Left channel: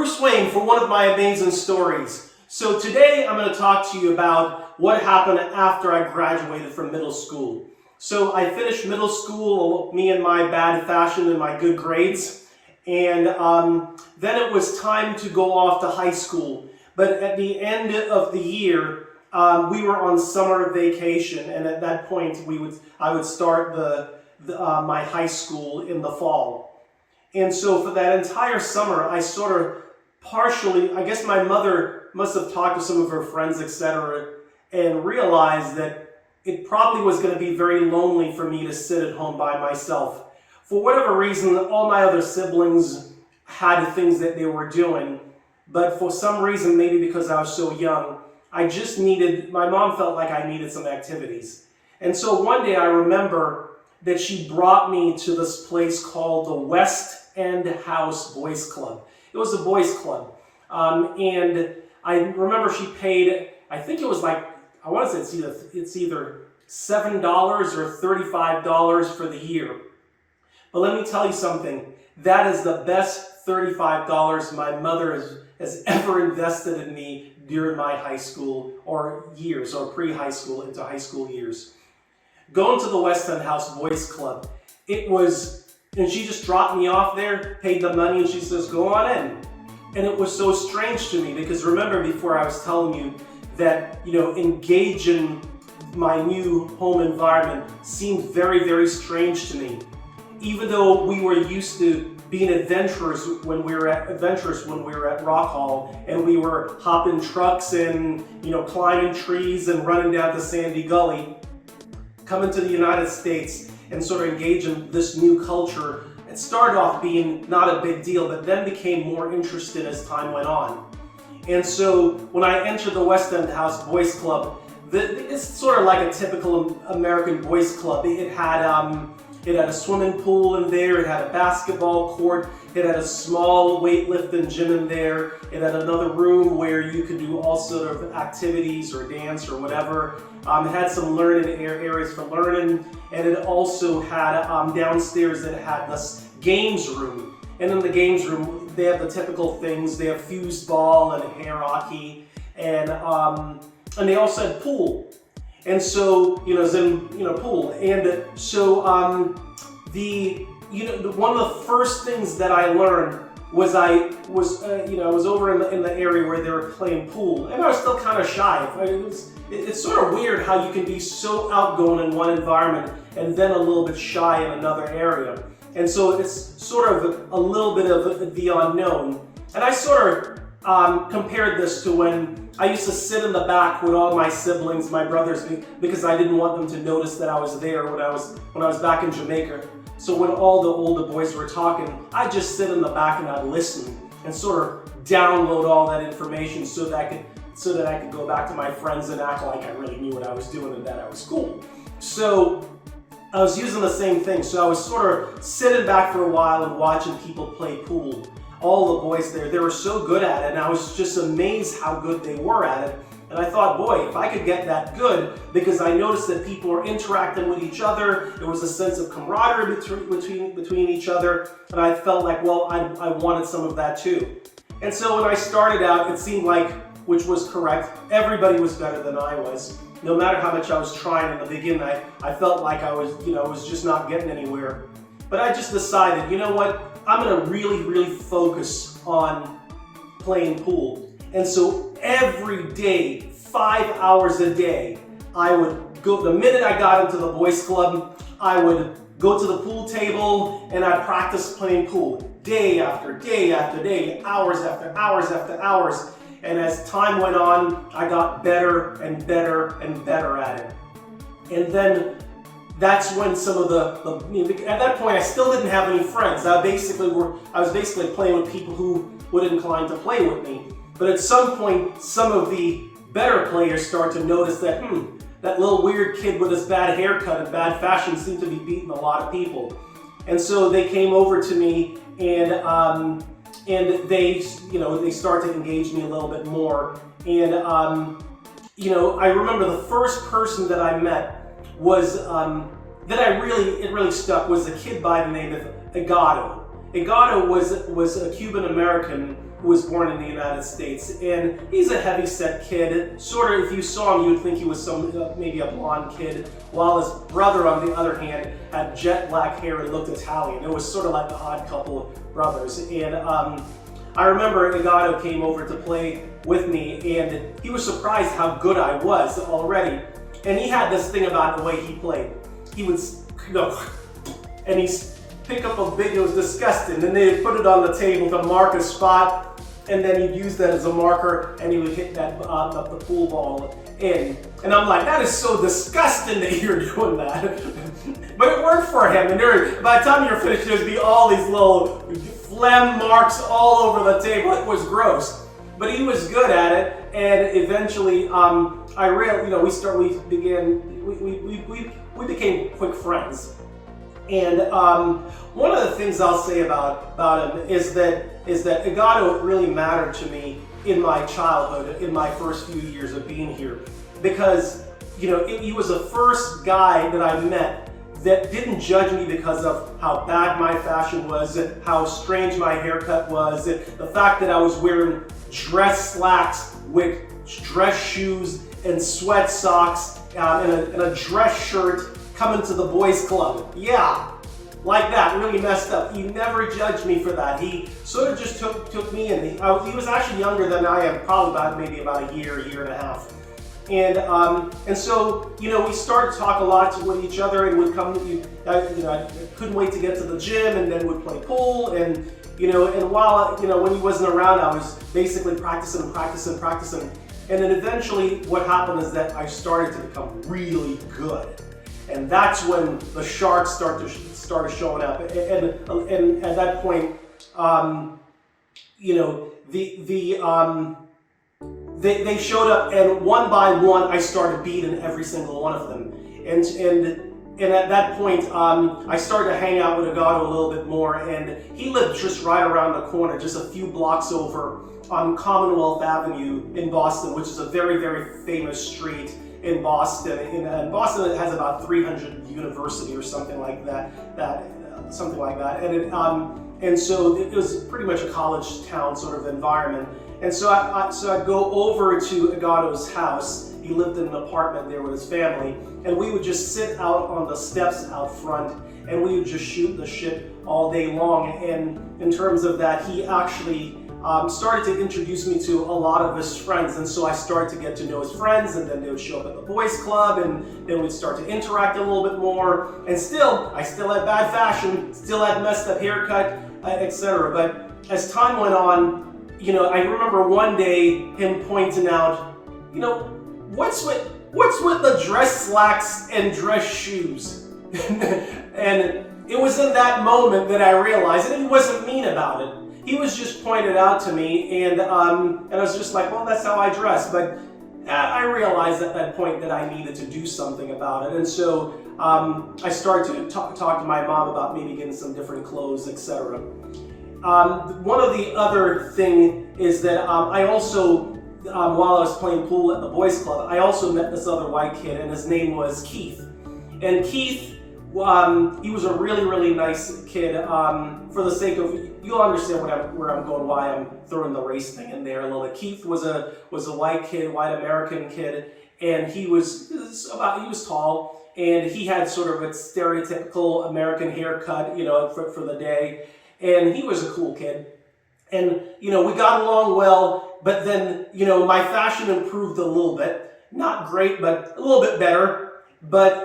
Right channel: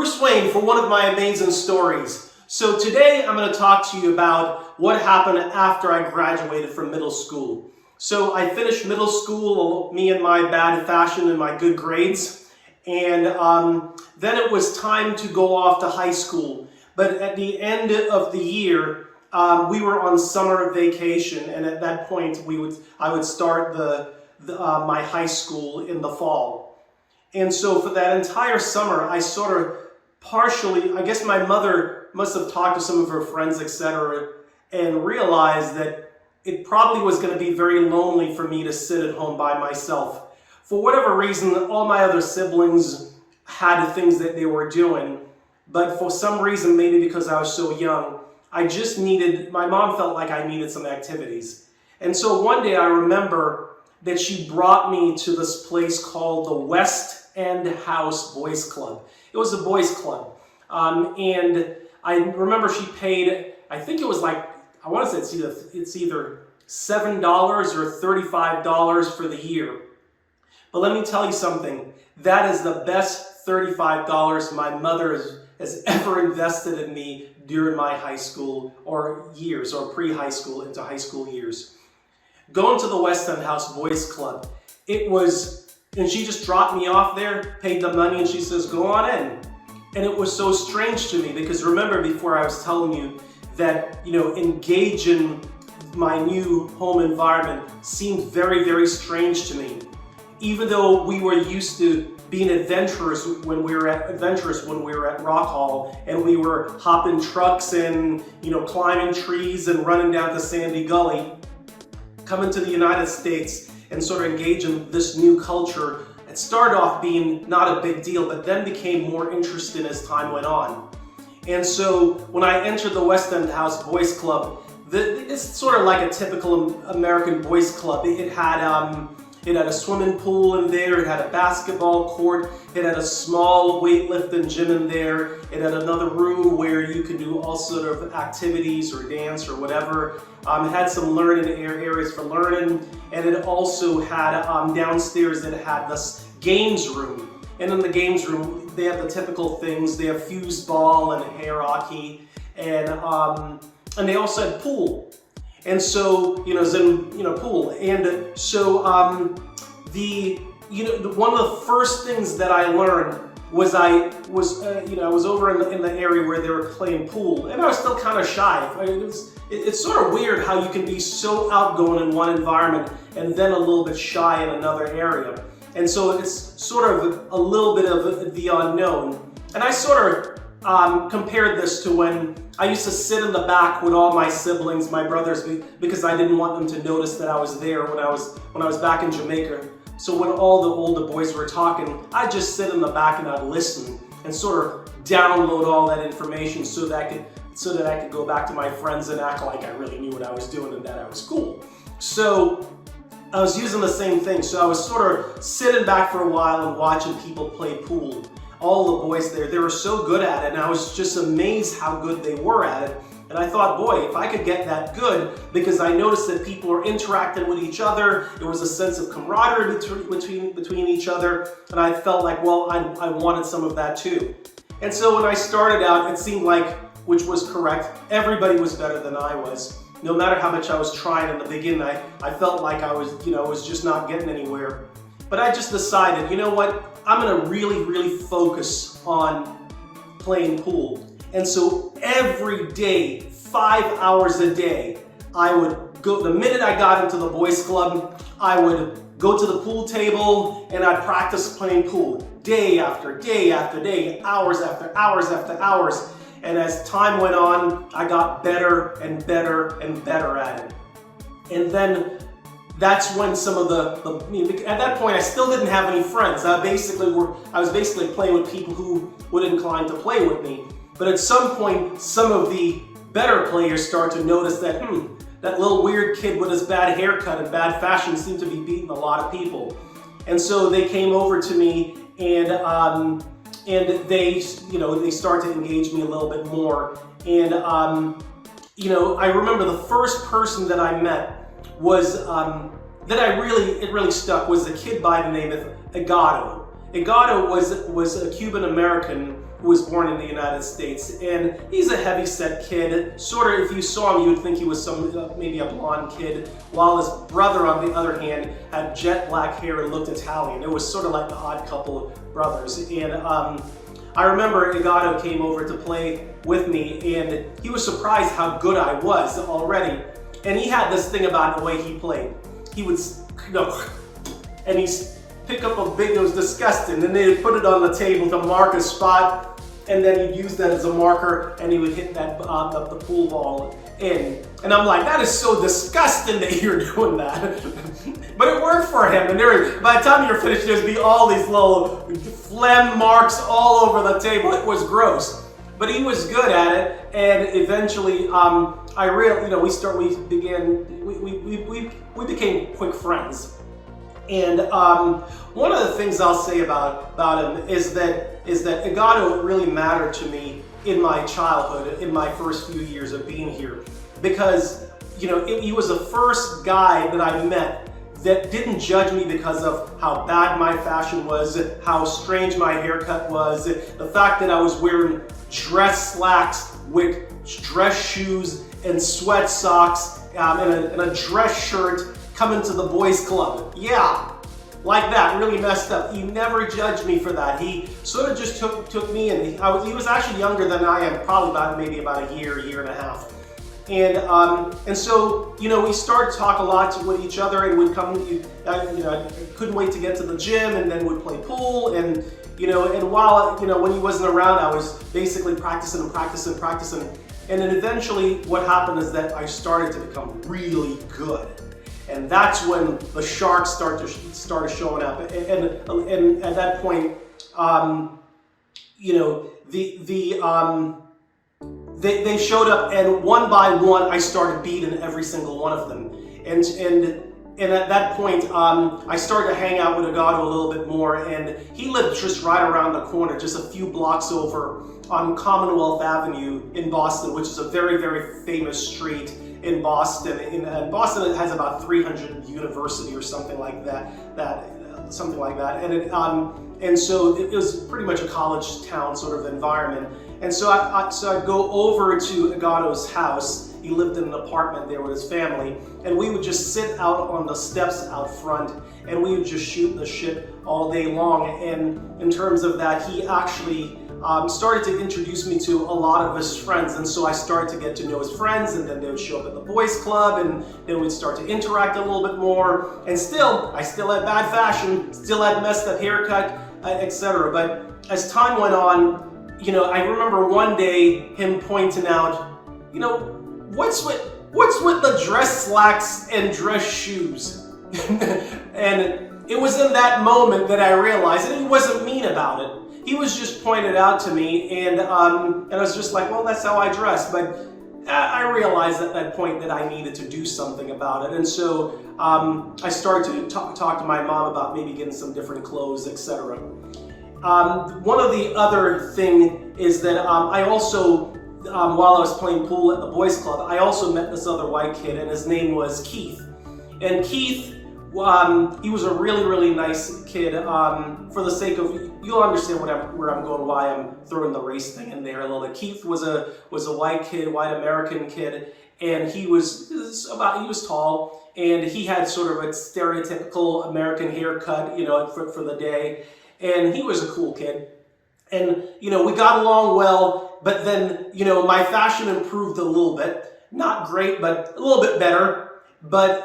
Bruce Wayne for one of my amazing stories. So today I'm going to talk to you about what happened after I graduated from middle school. So I finished middle school, me and my bad fashion and my good grades, and then it was time to go off to high school. But at the end of the year, we were on summer vacation, and at that point I would start my high school in the fall. And so for that entire summer, I sort of partially, I guess my mother must have talked to some of her friends, etc., and realized that it probably was going to be very lonely for me to sit at home by myself. For whatever reason, all my other siblings had things that they were doing, but for some reason, maybe because I was so young, my mom felt like I needed some activities. And so one day I remember that she brought me to this place called the West End House Boys Club. It was a boys club. And I remember she paid, I think it was like, I want to say it's either $7 or $35 for the year. But let me tell you something, that is the best $35 my mother has ever invested in me during my high school or years, or pre-high school into high school years. Going to the West End House Boys Club, and she just dropped me off there, paid the money, and she says, go on in. And it was so strange to me because remember before I was telling you that, engaging my new home environment seemed very, very strange to me. Even though we were used to being adventurous when we were at Rock Hall, and we were hopping trucks and, climbing trees and running down the Sandy Gully, coming to the United States and sort of engage in this new culture, it started off being not a big deal, but then became more interesting as time went on. And so when I entered the West End House Boys Club, it's sort of like a typical American boys club. It had a swimming pool in there, it had a basketball court, it had a small weightlifting gym in there, it had another room where you could do all sort of activities or dance or whatever. It had some learning areas for learning, and it also had downstairs it had this games room. And in the games room, they have the typical things. They have fuse ball and hair hockey, and they also had pool. And so, pool. And so, one of the first things that I learned was I was over in the area where they were playing pool, and I was still kind of shy. It's sort of weird how you can be so outgoing in one environment and then a little bit shy in another area. And so it's sort of a little bit of the unknown. And I sort of compared this to when I used to sit in the back with all my siblings, my brothers, because I didn't want them to notice that I was there when I was back in Jamaica. So when all the older boys were talking, I'd just sit in the back and I'd listen and sort of download all that information so that I could go back to my friends and act like I really knew what I was doing and that I was cool. So I was using the same thing. So I was sort of sitting back for a while and watching people play pool. All the boys there, they were so good at it, and I was just amazed how good they were at it. And I thought, boy, if I could get that good, because I noticed that people were interacting with each other, there was a sense of camaraderie between each other, and I felt like, well, I wanted some of that too. And so when I started out, it seemed like, which was correct, everybody was better than I was. No matter how much I was trying in the beginning, I felt like I was just not getting anywhere. But I just decided, you know what, I'm gonna really, really focus on playing pool. And so every day, 5 hours a day, I would go, the minute I got into the boys club, I would go to the pool table and I'd practice playing pool day after day after day, hours after hours after hours. And as time went on, I got better and better and better at it. And then that's when some of at that point I still didn't have any friends. I was basically playing with people who would incline to play with me. But at some point, some of the better players start to notice that, that little weird kid with his bad haircut and bad fashion seemed to be beating a lot of people. And so they came over to me and they start to engage me a little bit more. And I remember the first person that I met was it really stuck, was a kid by the name of Agato. Egado was a Cuban American who was born in the United States, and he's a heavy-set kid. Sort of, if you saw him, you would think he was maybe a blonde kid, while his brother, on the other hand, had jet black hair and looked Italian. It was sort of like the odd couple of brothers. And I remember Egado came over to play with me, and he was surprised how good I was already. And he had this thing about the way he played. He would, and he'd pick up a big, it was disgusting, and they'd put it on the table to mark a spot, and then he'd use that as a marker, and he would hit that the pool ball in. And I'm like, that is so disgusting that you're doing that. But it worked for him, and by the time you're finished, there'd be all these little phlegm marks all over the table. It was gross, but he was good at it, and eventually, we became quick friends. And one of the things I'll say about him is that Egado really mattered to me in my childhood, in my first few years of being here, because he was the first guy that I met that didn't judge me because of how bad my fashion was, how strange my haircut was, the fact that I was wearing dress slacks with dress shoes and sweat socks and a dress shirt coming to the boys club. Yeah, like that, really messed up. He never judged me for that. He sort of just took me in. He was actually younger than I am, probably maybe about a year and a half. And so, we started to talk a lot with each other, and would come, I couldn't wait to get to the gym, and then would play pool, and while, when he wasn't around, I was basically practicing. And then eventually what happened is that I started to become really good. And that's when the sharks started showing up. And at that point, they showed up, and one by one, I started beating every single one of them. And at that point, I started to hang out with Egado a little bit more, and he lived just right around the corner, just a few blocks over on Commonwealth Avenue in Boston, which is a very, very famous street in Boston. In Boston, it has about 300 university or something like that. And so it was pretty much a college town sort of environment. And so I'd go over to Egado's house. He lived in an apartment there with his family, and we would just sit out on the steps out front, and we would just shoot the shit all day long. And in terms of that, he actually started to introduce me to a lot of his friends, and so I started to get to know his friends, and then they would show up at the boys club, and then we'd start to interact a little bit more. And I still had bad fashion, still had messed up haircut, etc. But as time went on, I remember one day him pointing out, what's with the dress slacks and dress shoes? And it was in that moment that I realized, and he wasn't mean about it. He was just pointed out to me, and I was just like, well, that's how I dress. But I realized at that point that I needed to do something about it. And so I started to talk to my mom about maybe getting some different clothes, etc. One of the other thing is that I also, while I was playing pool at the boys club, I also met this other white kid, and his name was Keith. And Keith, he was a really, really nice kid. For the sake of, you'll understand where I'm going, why I'm throwing the race thing in there a little bit. Keith was a white kid, white American kid, and he was tall, and he had sort of a stereotypical American haircut, for the day. And he was a cool kid. And, we got along well, but then, my fashion improved a little bit. Not great, but a little bit better. But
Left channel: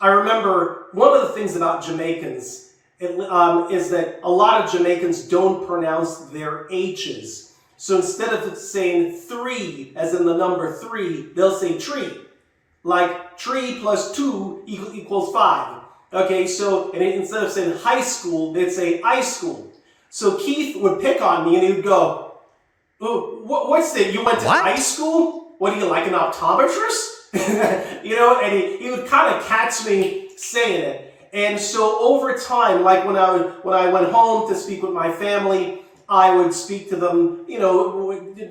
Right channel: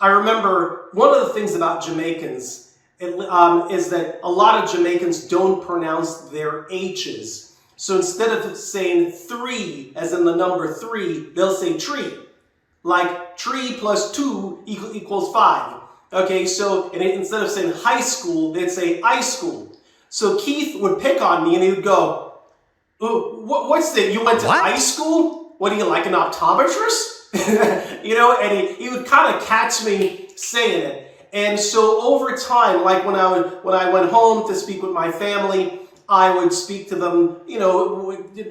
I remember one of the things about Jamaicans is that a lot of Jamaicans don't pronounce their H's. So instead of saying 3, as in the number 3, they'll say tree. Like 3 plus 2 equals 5. Okay, so instead of saying high school, they'd say I school. So Keith would pick on me, and he would go, "Oh, what's that? You went to high school? What are you, like an optometrist?" And he would kind of catch me saying it. And so over time, like when I went home to speak with my family, I would speak to them,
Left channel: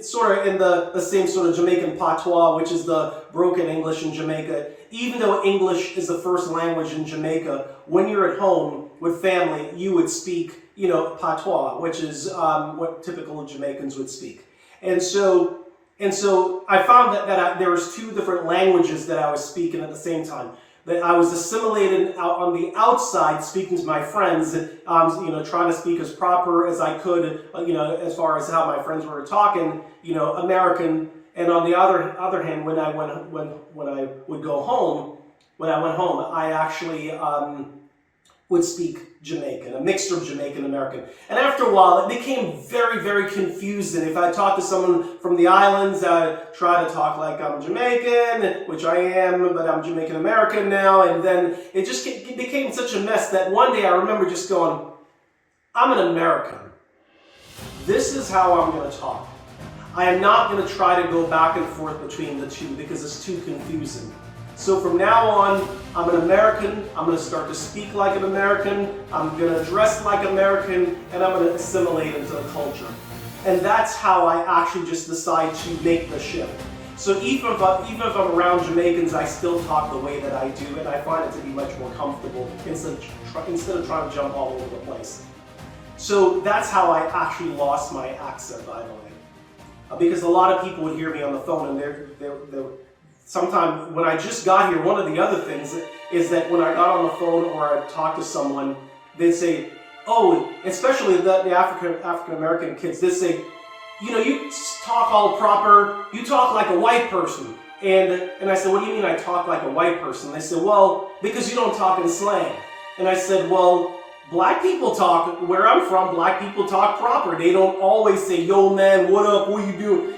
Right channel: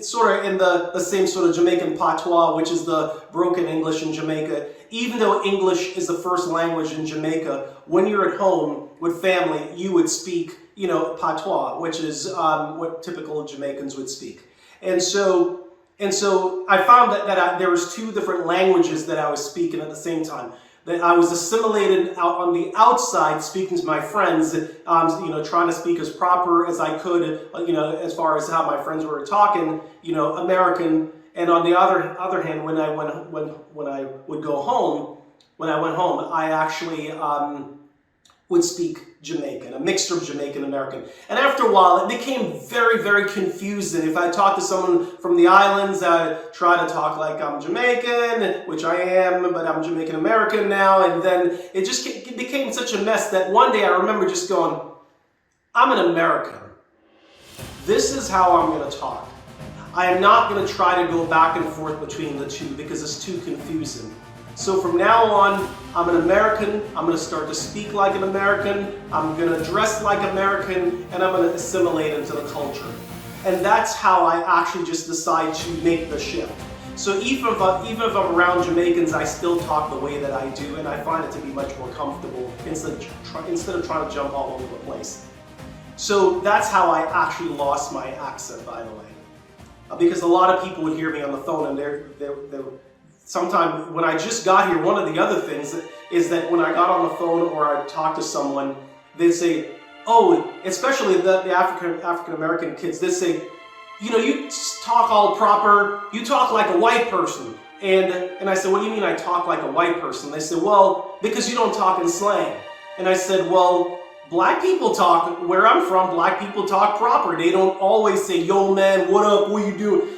sort of in the same sort of Jamaican patois, which is the broken English in Jamaica. Even though English is the first language in Jamaica, when you're at home with family, you would speak patois, which is what typical Jamaicans would speak. And so I found that there was two different languages that I was speaking at the same time. That I was assimilated out on the outside, speaking to my friends, trying to speak as proper as I could, as far as how my friends were talking, American. And on the other hand, when I would go home, when I went home, I actually would speak Jamaican, a mixture of Jamaican American. And after a while, it became very, very confusing. If I talked to someone from the islands, I'd try to talk like I'm Jamaican, which I am, but I'm Jamaican American now. And then it became such a mess that one day I remember just going, I'm an American. This is how I'm going to talk. I am not going to try to go back and forth between the two because it's too confusing. So from now on, I'm an American, I'm going to start to speak like an American, I'm going to dress like American, and I'm going to assimilate into the culture. And that's how I actually just decide to make the shift. So even if I'm around Jamaicans, I still talk the way that I do, and I find it to be much more comfortable instead of trying to jump all over the place. So that's how I actually lost my accent, by the way. Because a lot of people would hear me on the phone, and they're sometimes when I just got here, one of the other things is that when I got on the phone or I talked to someone, they'd say, oh, especially the African American kids, they'd say, you talk all proper, you talk like a white person. And I said, what do you mean I talk like a white person? They said, well, because you don't talk in slang. And I said, well, black people talk, where I'm from, black people talk proper. They don't always say, yo man, what up, what you doing?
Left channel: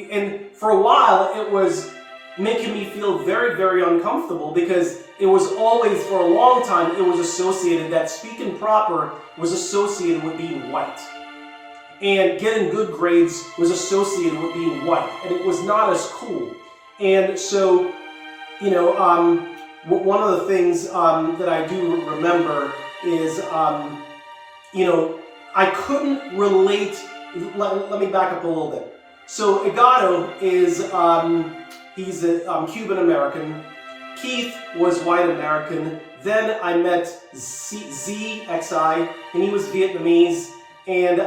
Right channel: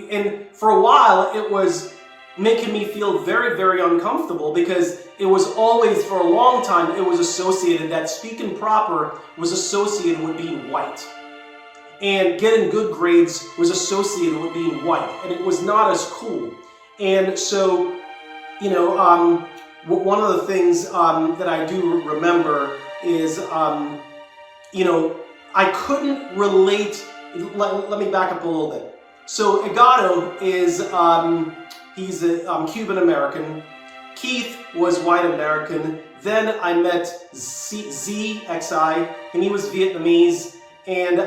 And for a while it was making me feel very, very uncomfortable because it was always, for a long time, it was associated that speaking proper was associated with being white. And getting good grades was associated with being white. And it was not as cool. And so, one of the things that I do remember is, I couldn't relate. Let me back up a little bit. So Egado is, he's a Cuban American. Keith was white American. Then I met EZIE, and he was Vietnamese. And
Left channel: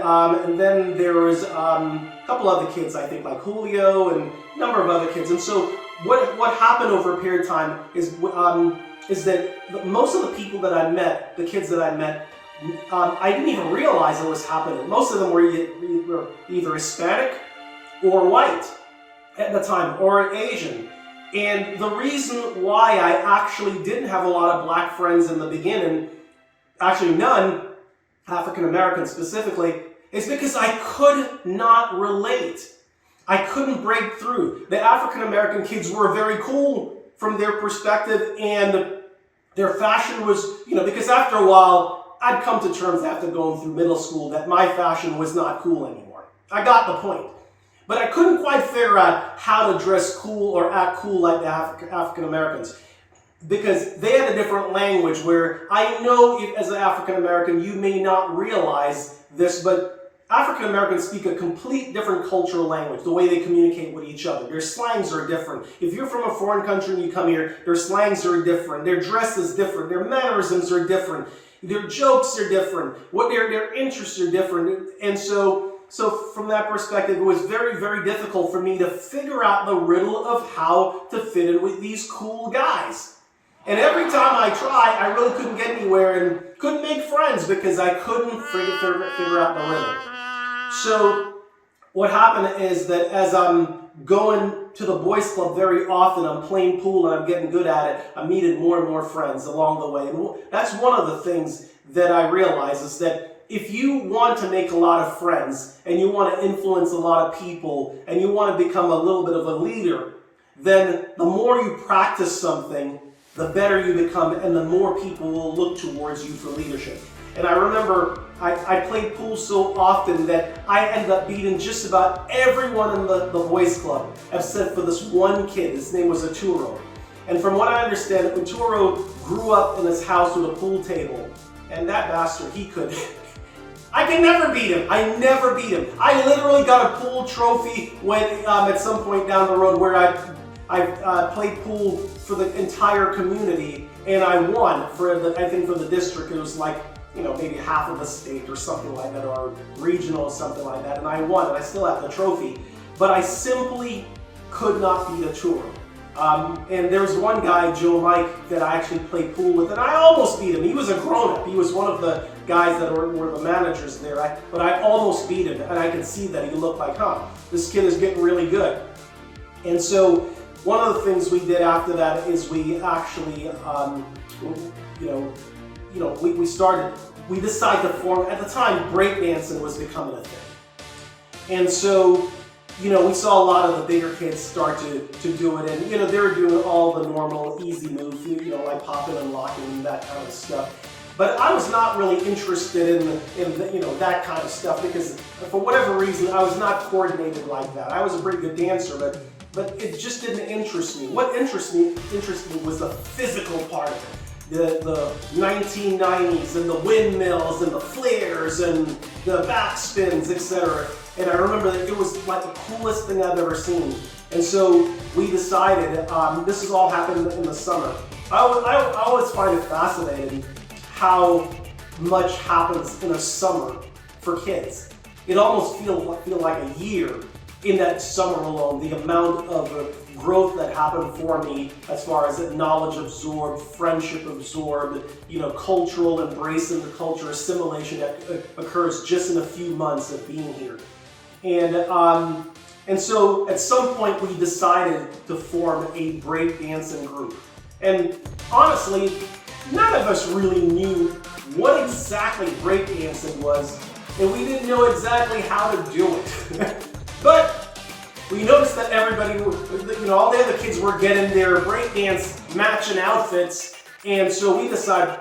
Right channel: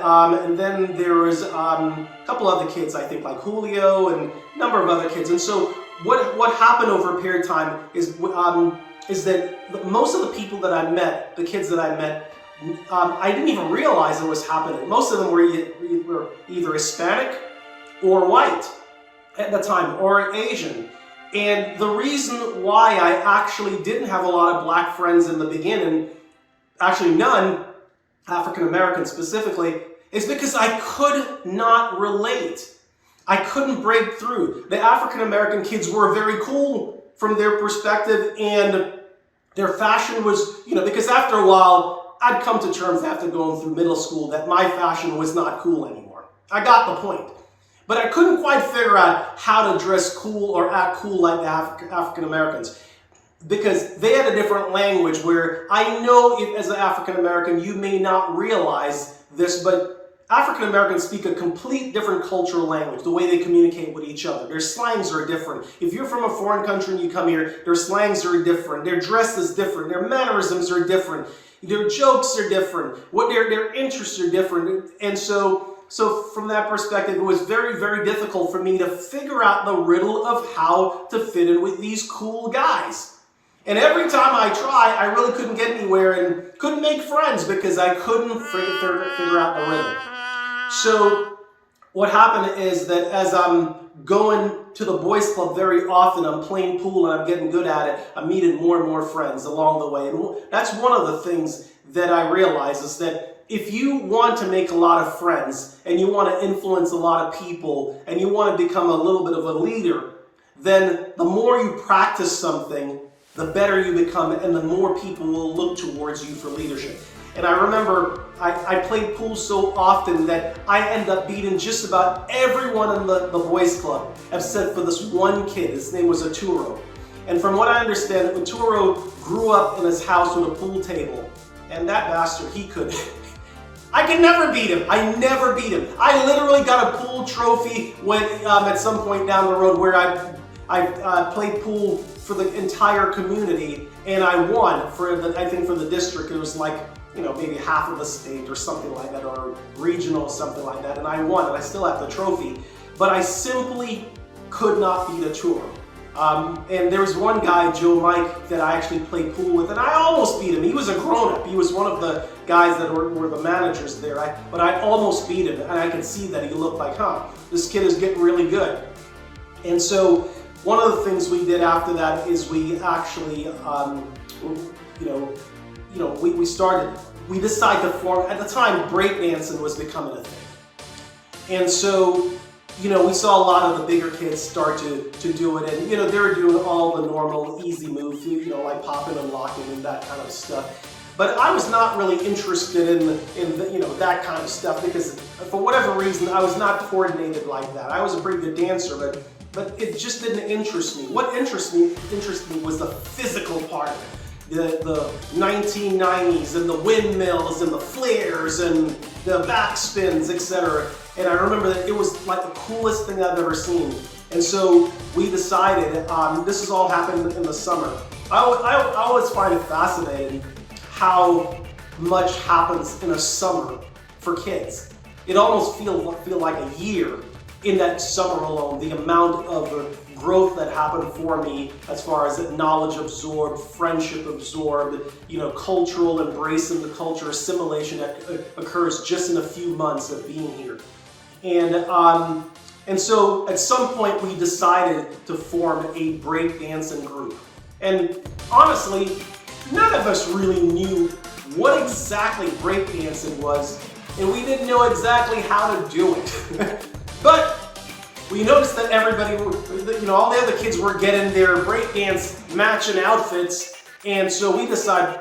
then there was a couple other kids, I think, like Julio and a number of other kids. And so what happened over a period of time is that most of the people that I met, the kids that I met, I didn't even realize it was happening. Most of them were either Hispanic or white at the time, or Asian. And the reason why I actually didn't have a lot of black friends in the beginning, actually none, African American specifically, is because I could not relate. I couldn't break through. The African American kids were very cool from their perspective, and their fashion was, because after a while, I'd come to terms after going through middle school that my fashion was not cool anymore. I got the point. But I couldn't quite figure out how to dress cool or act cool like the African Americans, because they had a different language where I know as an African American you may not realize this, but African Americans speak a complete different cultural language, the way they communicate with each other. Their slangs are different. If you're from a foreign country and you come here, their slangs are different. Their dress is different. Their mannerisms are different. Their jokes are different. What their interests are different. And so from that perspective, it was very, very difficult for me to figure out the riddle of how to fit in with these cool guys. And every time I tried, I really couldn't get anywhere and couldn't make friends because I couldn't figure out the riddle. So what happened is that as I'm going to the boys club very often, I'm playing pool and I'm getting good at it, I'm meeting more and more friends along the way. And that's one of the things that I realize is that if you want to make a lot of friends and you want to influence a lot of people and you want to become a little bit of a leader, then the more you practice something, the better you become and the more people will look towards you for leadership. And I remember I played pool so often that I ended up beating just about everyone in the boys club except for this one kid. His name was Arturo. And from what I understand, Arturo grew up in his house with a pool table. And that bastard, I could never beat him. I never beat him. I literally got a pool trophy when at some point down the road where I played pool for the entire community, and I won for I think for the district. It was like maybe half of the state or something like that, or regional or something like that, and I won, and I still have the trophy, but I simply could not beat a tour. And there was one guy, Joe Mike, that I actually played pool with, and I almost beat him. He was a grown-up. He was one of the guys that were the managers there, but I almost beat him, and I could see that he looked like, this kid is getting really good. And so one of the things we did after that is we actually, we decided to form, at the time, breakdancing was becoming a thing. And so, we saw a lot of the bigger kids start to do it, and they were doing all the normal easy moves, like popping and locking and that kind of stuff. But I was not really interested in that kind of stuff, because for whatever reason I was not coordinated like that. I was a pretty good dancer, but it just didn't interest me. What interested me was the physical part of it. The 1990s and the windmills and the flares and the backspins, etc. And I remember that it was like the coolest thing I've ever seen. And so we decided, this has all happened in the summer. I always find it fascinating how much happens in a summer for kids. It almost feel like a year in that summer alone, the amount of growth that happened for me as far as knowledge absorbed, friendship absorbed, cultural embrace in the culture, assimilation that occurs just in a few months of being here. And so at some point we decided to form a breakdancing group. And honestly, none of us really knew what exactly breakdancing was, and we didn't know exactly how to do it. But we noticed that everybody, all the other kids were getting their breakdance matching outfits, and so we decided,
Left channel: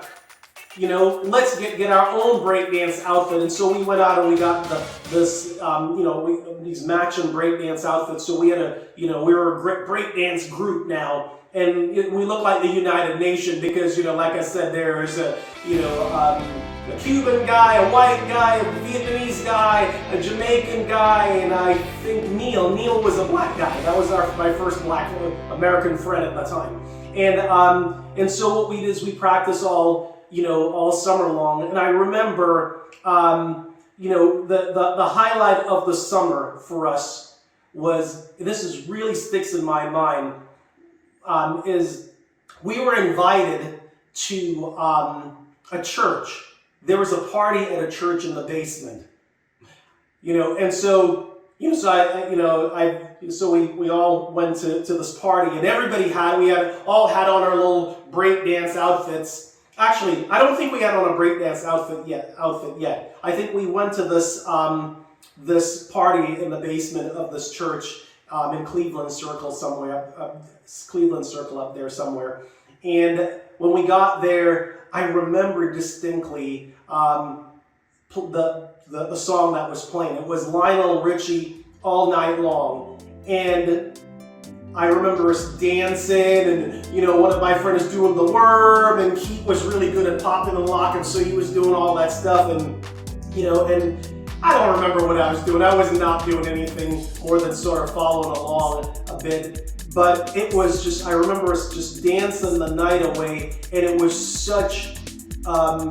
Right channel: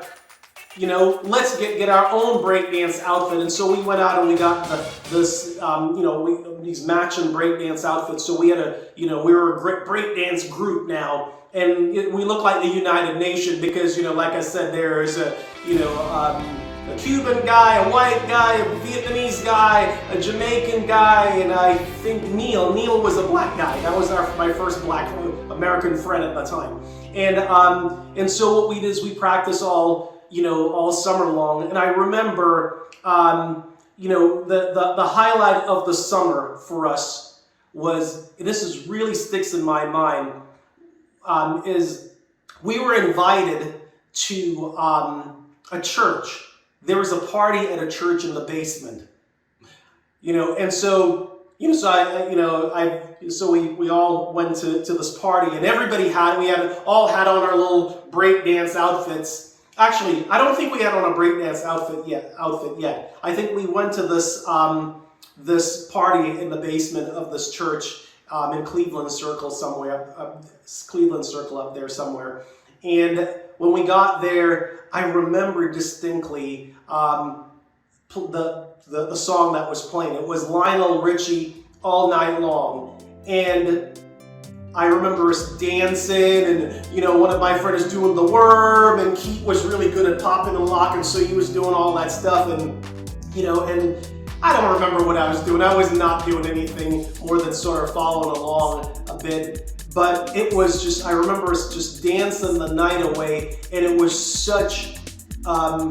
let's get our own breakdance outfit. And so we went out and we got these matching breakdance outfits. So we had we were a breakdance group now, and we look like the United Nation because, like I said, there's a Cuban guy, a white guy, a Vietnamese guy, a Jamaican guy, and I think Neil was a black guy. That was my first black American friend at the time. And so what we did is we practiced all summer long. And I remember, the highlight of the summer for us was, this really sticks in my mind, is we were invited to a church. There was a party at a church in the basement, and so we all went to this party, and we all had on our little breakdance outfits. Actually, I don't think we had on a breakdance outfit yet. I think we went to this party in the basement of this church in Cleveland Circle somewhere, Cleveland Circle up there somewhere. And when we got there, I remember distinctly the song that was playing. It was Lionel Richie, All Night Long. And I remember us dancing, and one of my friends was doing the worm, and Keith was really good at popping and locking, so he was doing all that stuff, and I don't remember what I was doing. I was not doing anything more than sort of following along a bit. But it was just, I remember us just dancing the night away, and it was such a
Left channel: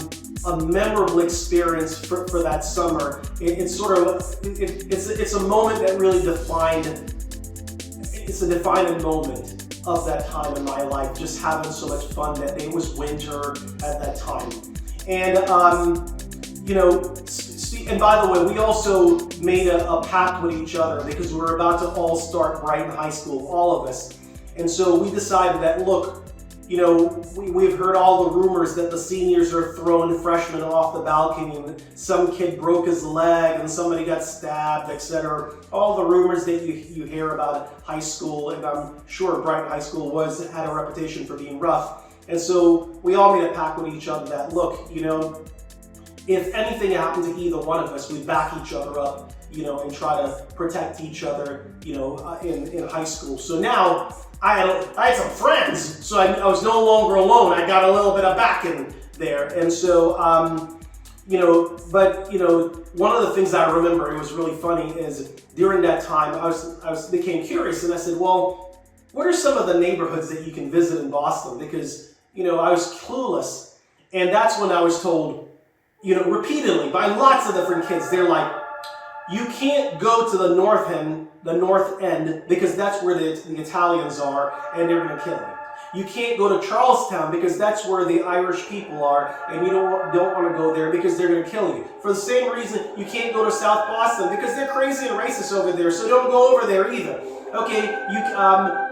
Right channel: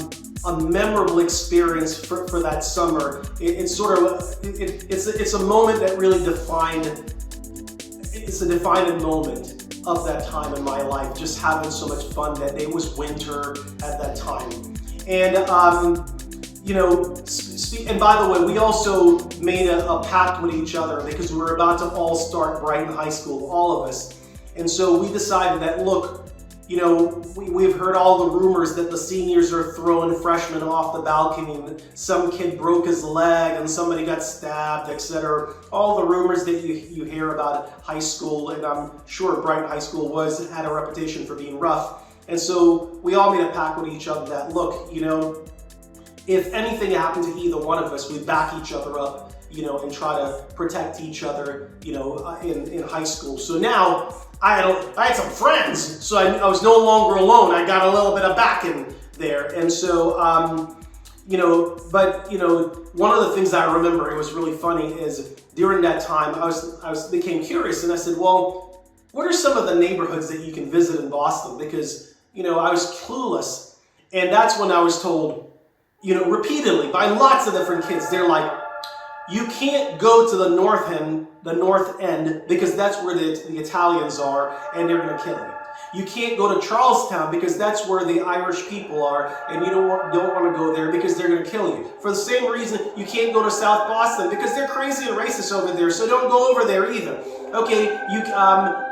memorable experience for that summer. It's a moment that really it's a defining moment of that time in my life, just having so much fun that day. It was winter at that time. And, and by the way, we also made a pact with each other because we were about to all start Brighton High School, all of us. And so we decided that, look, we've heard all the rumors that the seniors are throwing freshmen off the balcony, and some kid broke his leg and somebody got stabbed, etc. All the rumors that you hear about high school, and I'm sure Brighton High School had a reputation for being rough. And so we all made a pact with each other that, look, if anything happened to either one of us, we'd back each other up, and try to protect each other, in high school. So now I had some friends, so I was no longer alone. I got a little bit of backing there. And so, one of the things I remember, it was really funny, is during that time, I became curious, and I said, well, what are some of the neighborhoods that you can visit in Boston? Because, I was clueless. And that's when I was told, repeatedly by lots of different kids. They're like, you can't go to the north end because that's where the Italians are and they're going to kill you. You can't go to Charlestown because that's where the Irish people are and you don't want to go there because they're going to kill you. For the same reason, you can't go to South Boston because they're crazy and racist over there, so don't go over there either. Okay,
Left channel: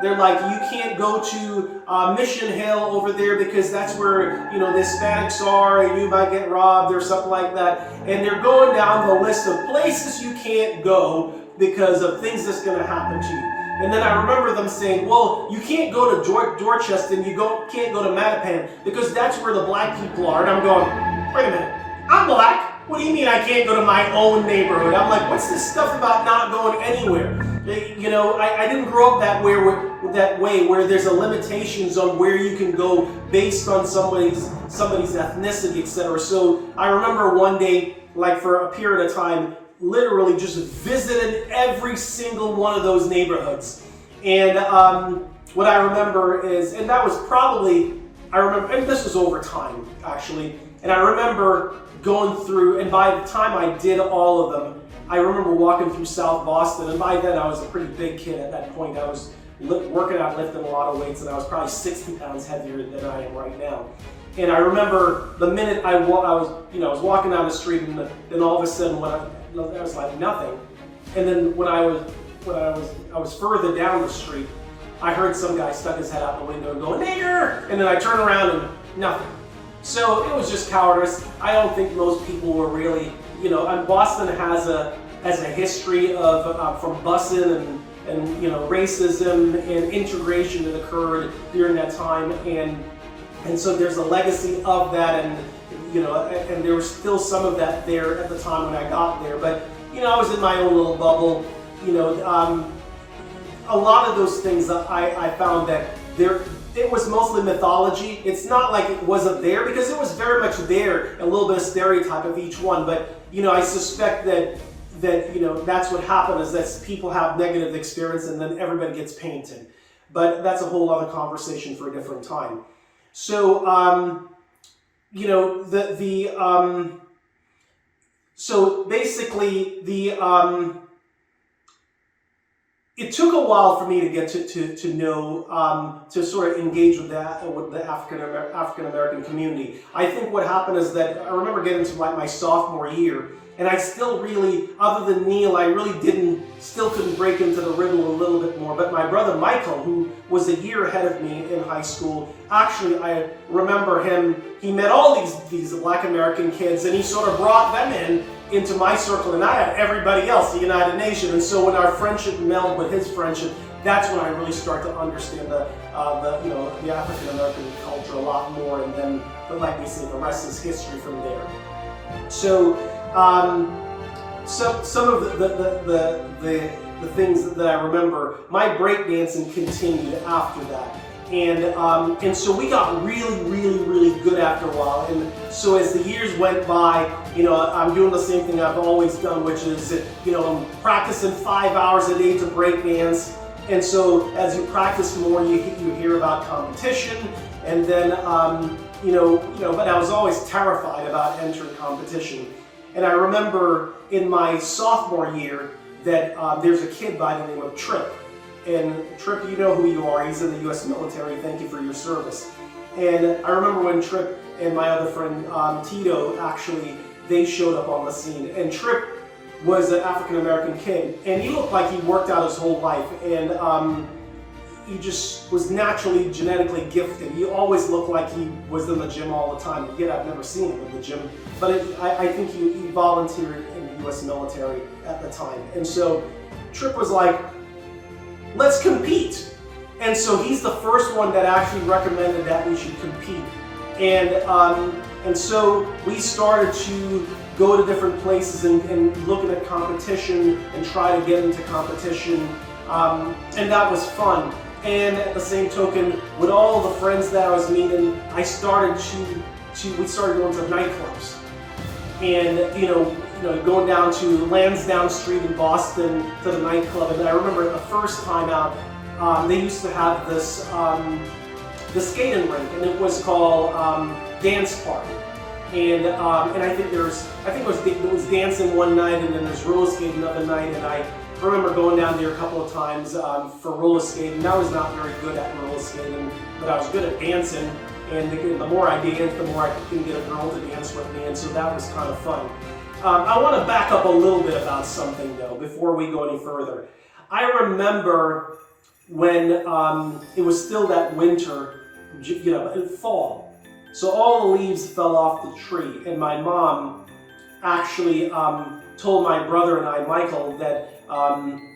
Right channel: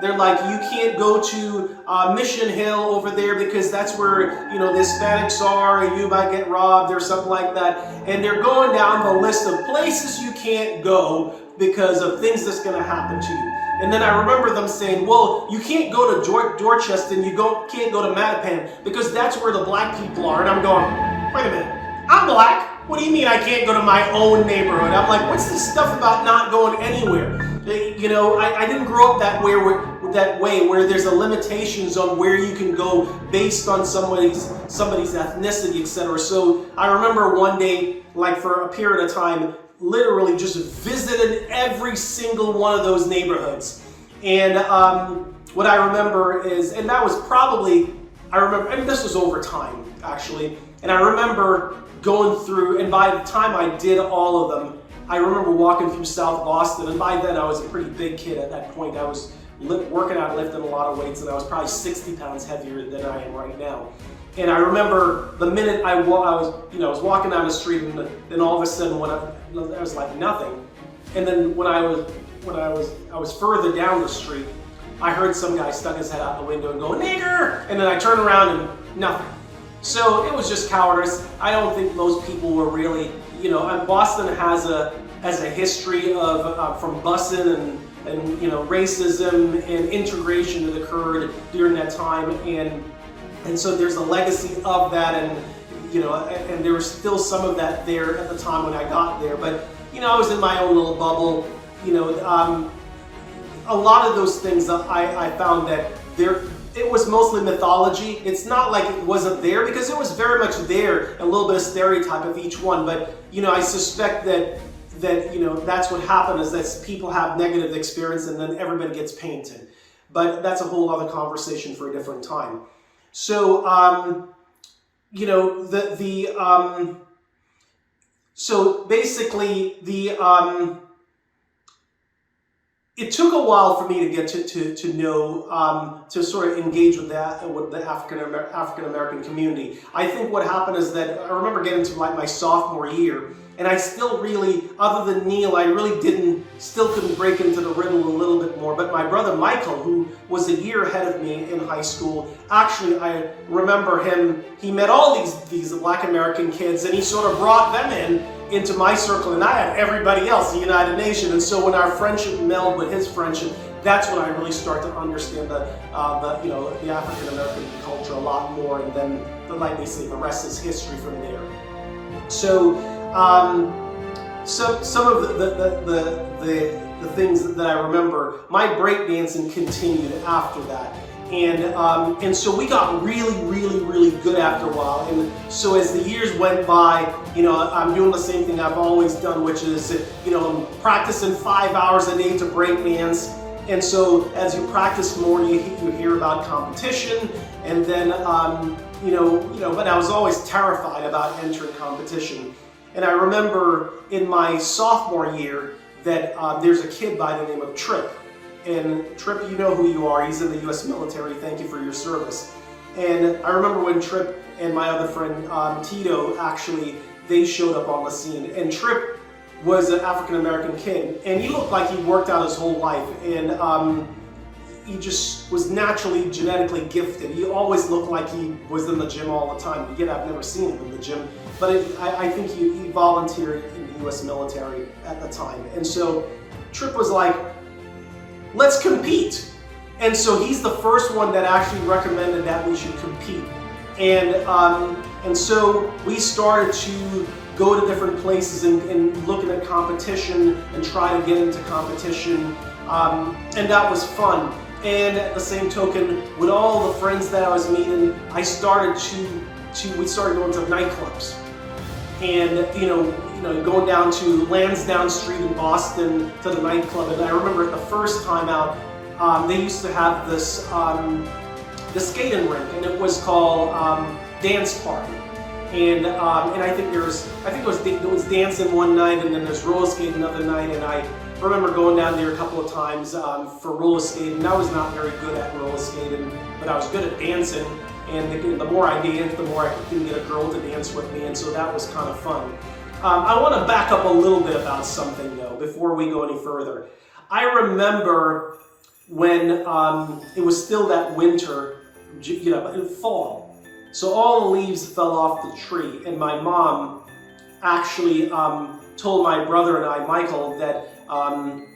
they're like, you can't go to Mission Hill over there because that's where, the Hispanics are and you might get robbed or something like that. And they're going down the list of places you can't go because of things that's going to happen to you. And then I remember them saying, well, you can't go to Dorchester and you can't go to Mattapan because that's where the black people are. And I'm going, wait a minute, I'm black. What do you mean I can't go to my own neighborhood? I'm like, what's this stuff about not going anywhere? I didn't grow up that way where there's a limitations on where you can go based on somebody's ethnicity, etc. So I remember one day, like for a period of time, literally just visited every single one of those neighborhoods. And what I remember is, and that was probably, and this was over time actually, and I remember going through, and by the time I did all of them, I remember walking through South Boston, and by then I was a pretty big kid at that point. I was working out, lifting a lot of weights, and I was probably 60 pounds heavier than I am right now. And I remember the minute I was walking down the street, and then all of a sudden, I was like nothing. And then when I was further down the street, I heard some guy stuck his head out the window and go, "Nigger!" And then I turned around and nothing. So it was just cowardice. I don't think most people were really, and Boston has a history of from busing and racism and integration that occurred during that time, and so there's a legacy of that, and there was still some of that there at the time when I got there. But I was in my own little bubble. A lot of those things that I found that it was mostly mythology. It's not like it wasn't there, because it was very much there, a little bit of stereotype of each one. But I suspect that that's what happened, is that people have negative experience and then everybody gets painted. But that's a whole other conversation for a different time. So so basically it took a while for me to get to know, to sort of engage with the African American community. I think what happened is that I remember getting to like my sophomore year, and I still really, other than Neil, I really still couldn't break into the riddle a little bit more. But my brother Michael, who was a year ahead of me in high school, actually I remember him, he met all these Black American kids, and he sort of brought them into my circle, and I had everybody else, the United Nations. And so when our friendship melded with his friendship, that's when I really start to understand the African American culture a lot more. And then, like they say, the rest is history from there. So some of the things that I remember, my breakdancing continued after that. And so we got really good after a while. And so as the years went by, I'm doing the same thing I've always done, which is, I'm practicing 5 hours a day to break dance. And so as you practice more, you hear about competition. And then, but I was always terrified about entering competition. And I remember in my sophomore year that there's a kid by the name of Trip. And Trip, you know who you are. He's in the U.S. military. Thank you for your service. And I remember when Trip and my other friend Tito, actually, they showed up on the scene. And Trip was an African-American kid, and he looked like he worked out his whole life. And he just was naturally genetically gifted. He always looked like he was in the gym all the time. Yet I've never seen him in the gym. But I think he volunteered in the U.S. military at the time. And so Trip was like, let's compete. And so he's the first one that actually recommended that we should compete. And so we started to go to different places and looking at competition and try to get into competition. And that was fun. And at the same token, with all the friends that I was meeting, we started going to nightclubs. And going down to Lansdowne Street in Boston to the nightclub. And I remember the first time out, they used to have this the skating rink, and it was called Dance Party. And I think it was dancing one night, and then there's roller skating another night. And I remember going down there a couple of times for roller skating. I was not very good at roller skating, but I was good at dancing. And the more I danced, the more I could get a girl to dance with me, and so that was kind of fun. I want to back up a little bit about something though before we go any further. I remember when it was still that winter, fall. So all the leaves fell off the tree, and my mom actually told my brother and I, Michael, that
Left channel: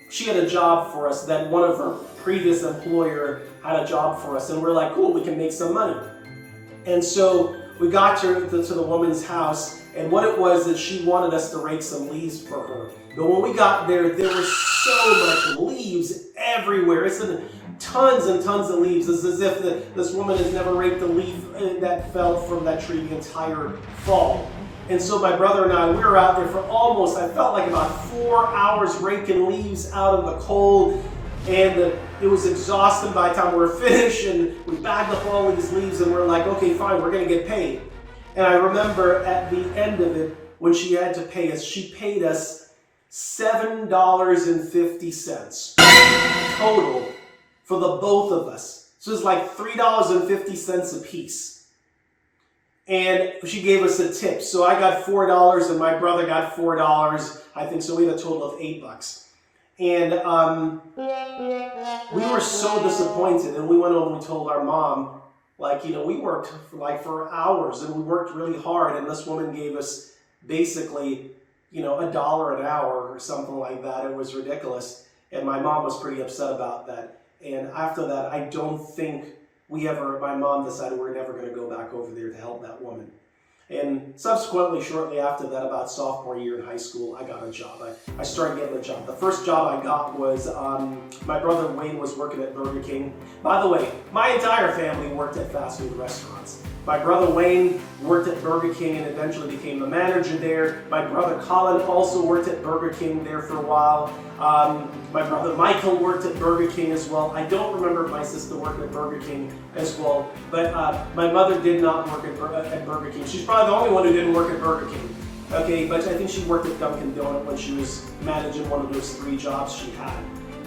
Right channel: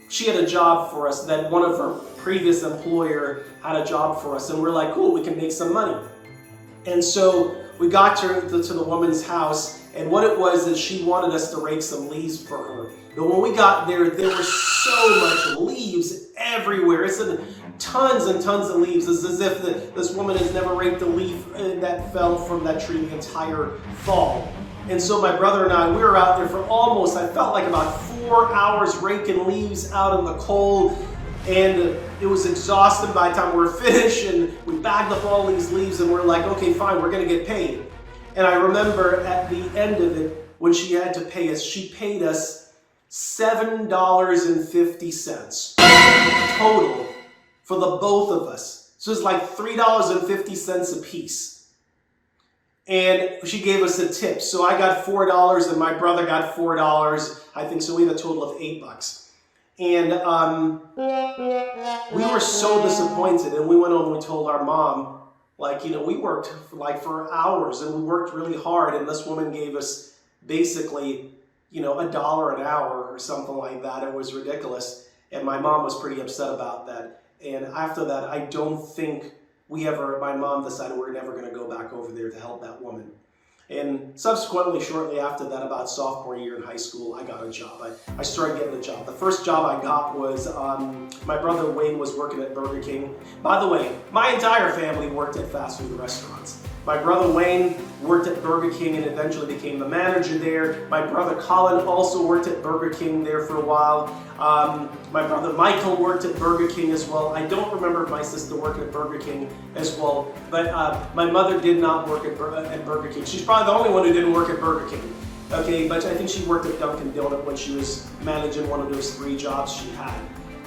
she had a job for us, that one of her previous employer had a job for us, and we're like, cool, we can make some money. And so we got to the woman's house, and what it was is she wanted us to rake some leaves for her. But when we got there, there was so much leaves everywhere. It's tons and tons of leaves. It's as if this woman has never raked a leaf that fell from that tree the entire fall. And so my brother and I, we were out there for almost, I felt like about 4 hours raking leaves out of the cold. And it was exhausting by the time we were finished, and we bagged up all these leaves, and we're like, okay, fine, we're gonna get paid. And I remember at the end of it, when she had to pay us, she paid us $7.50 total for the both of us. So it's like $3.50 a piece. And she gave us a tip. So I got $4 and my brother got $4, I think, so we had a total of $8. And we were so disappointed, and we went home and we told our mom, like, we worked for hours, and we worked really hard, and this woman gave us basically, $1 an hour or something like that. It was ridiculous. And my mom was pretty upset about that. And after that, I don't think my mom decided we're never going to go back over there to help that woman. And subsequently, shortly after that, about sophomore year in high school, I got a job. I started getting a job. The first job I got was, my brother Wayne was working at Burger King. By the way, my entire family worked at fast food restaurants. My brother Wayne worked at Burger King and eventually became the manager there. My brother Colin also worked at Burger King there for a while. My brother Michael worked at Burger King as well. I don't remember if my sister worked at Burger King as well, but my mother did not work at Burger King. She's probably the only one who didn't work at Burger King. Okay, but I think she worked at Dunkin' Donut when she was managing one of those 3 jobs she had.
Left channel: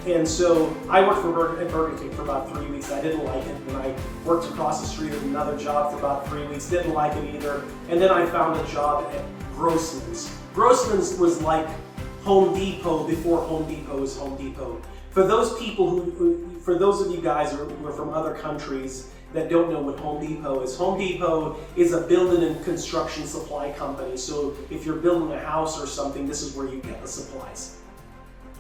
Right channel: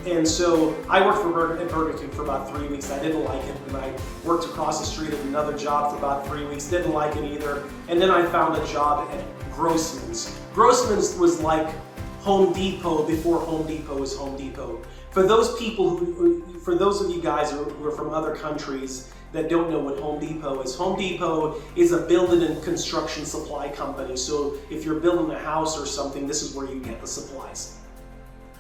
And so I worked at Burger King for about 3 weeks. I didn't like it. And I worked across the street at another job for about 3 weeks. Didn't like it either. And then I found a job at Grossman's. Grossman's was like Home Depot before Home Depot was Home Depot. For those of you guys who are from other countries that don't know what Home Depot is a building and construction supply company. So if you're building a house or something, this is where you get the supplies.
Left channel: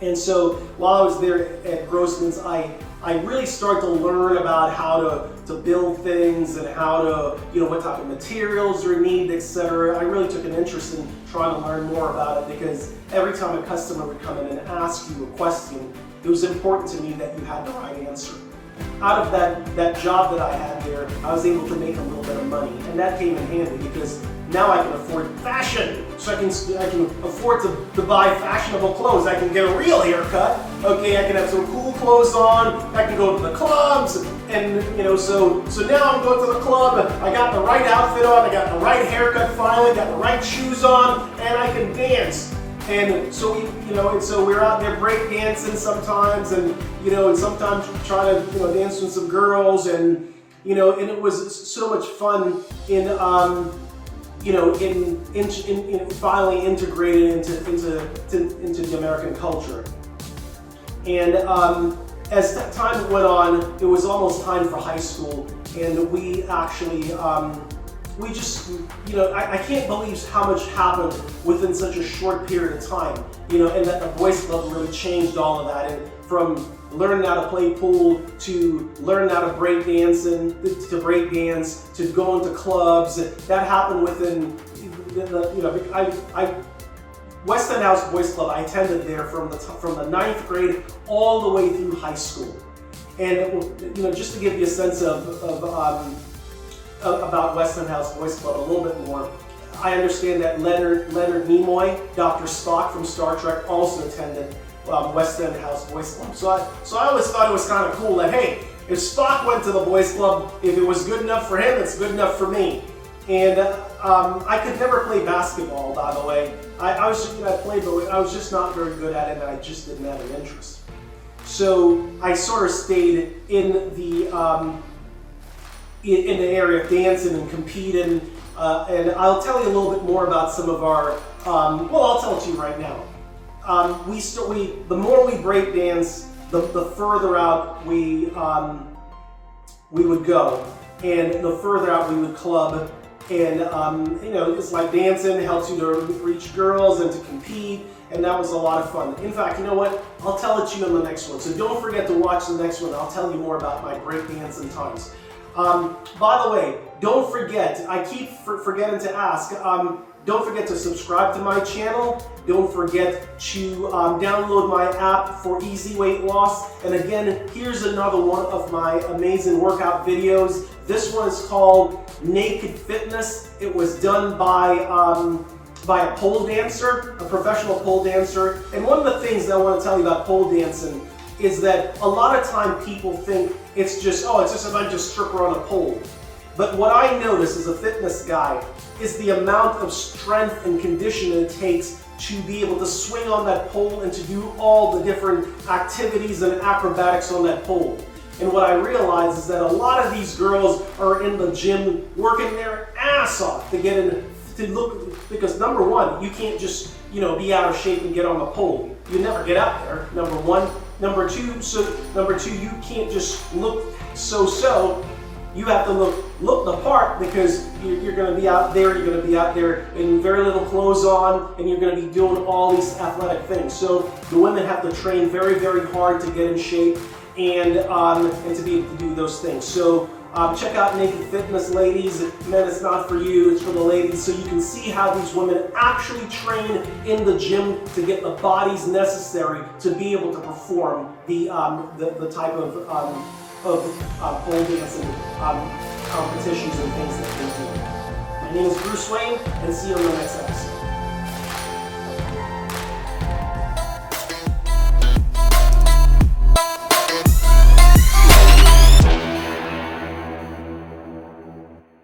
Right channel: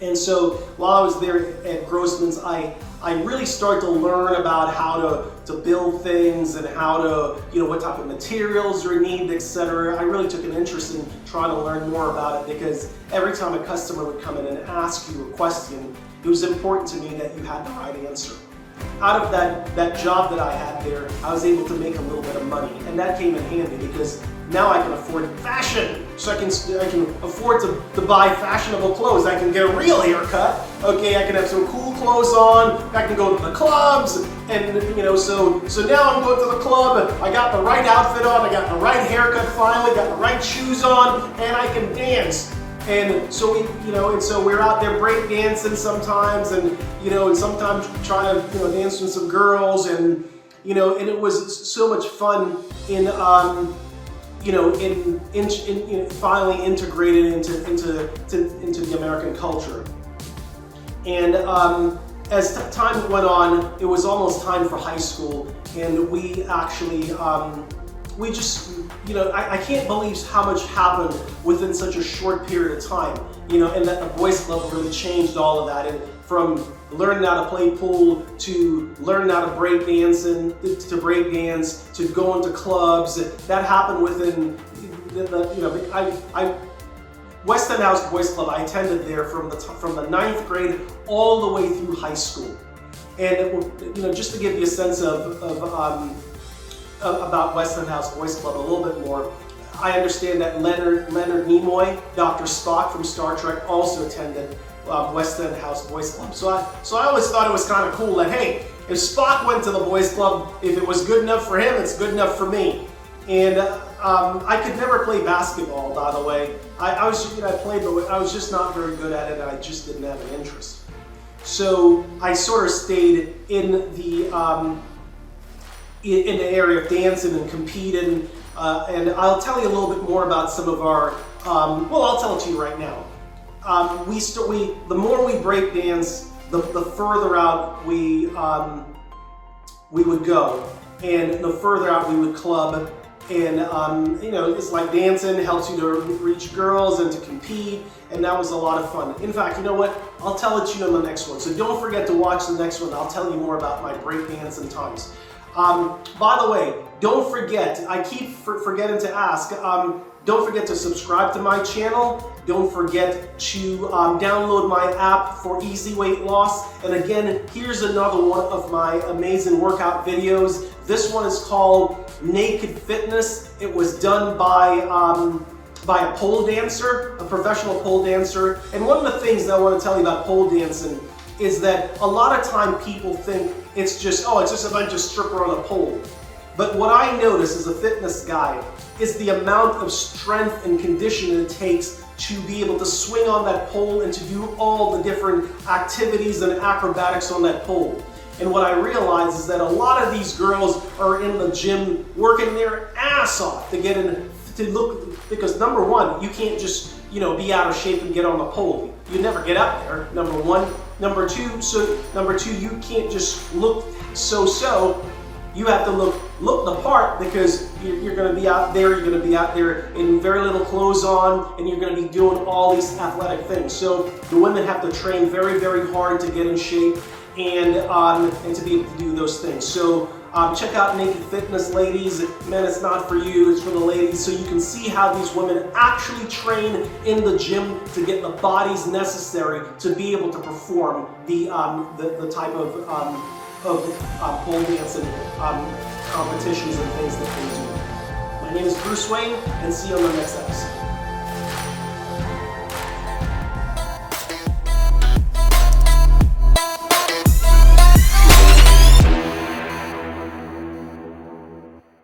And so while I was there at Grossman's, I really started to learn about how to build things and how to, what type of materials are needed, etc. I really took an interest in trying to learn more about it, because every time a customer would come in and ask you a question, it was important to me that you had the right answer. Out of that job that I had there, I was able to make a little bit of money, and that came in handy because now I can afford fashion. So I can afford to buy fashionable clothes. I can get a real haircut. Okay, I can have some cool clothes on. I can go to the clubs, and so now I'm going to the club. I got the right outfit on. I got the right haircut finally. Got the right shoes on, and I can dance. And so we're out there break dancing sometimes, and sometimes trying to dance with some girls, and and it was so much fun in finally integrated into the American culture. And as time went on, it was almost time for high school, and we actually I can't believe how much happened within such a short period of time, and that the boys club really changed all of that. And from learning how to play pool to learning how to break dance to going to clubs, that happened within West End House Boys Club. I attended there from the 9th grade all the way through high school. And just to give you a sense about West End House Boys Club a little bit more, I understand that Leonard Nimoy, Dr. Spock from Star Trek, also attended West End House Boys Club. So I always thought it was kind of cool that, hey, if Spock went to the Boys Club, if it was good enough for him, it's good enough for me. And I could never play basketball, by the way. I played, but I was just not very good at it, and I just didn't have an interest. So I sort of stayed in the area of dancing and competing, and I'll tell you a little bit more about some of our. Well, I'll tell it to you right now. The more we break dance, the further out we would go, and the further out we would club. And it's like dancing helps you to reach girls and to compete, and that was a lot of fun. In fact, you know what? I'll tell it to you in the next one. So don't forget to watch the next one. I'll tell you more about my breakdancing times. By the way, don't forget, I keep forgetting to ask, don't forget to subscribe to my channel. Don't forget to download my app for EZIE Weight Loss. And again, here's another one of my amazing workout videos. This one is called Naked Fitness. It was done by a pole dancer, a professional pole dancer. And one of the things that I want to tell you about pole dancing is that a lot of time people think it's just a bunch of stripper on a pole. But what I notice as a fitness guy is the amount of strength and condition it takes to be able to swing on that pole and to do all the different activities and acrobatics on that pole. And what I realize is that a lot of these girls are in the gym working their ass off to get in, to look, because number one, you can't just, be out of shape and get on the pole. You never get up there, number one. Number two, you can't just look so. You have to look the part, because you're going to be out there. You're going to be out there in very little clothes on, and you're going to be doing all these athletic things. So the women have to train very, very hard to get in shape and to be able to do those things. So check out Naked Fitness, ladies. Men, it's not for you, it's for the ladies. So you can see how these women actually train in the gym to get the bodies necessary to be able to perform the type of pole dancing competitions and things that they do. My name is Bruce Wayne, and see you on the next episode.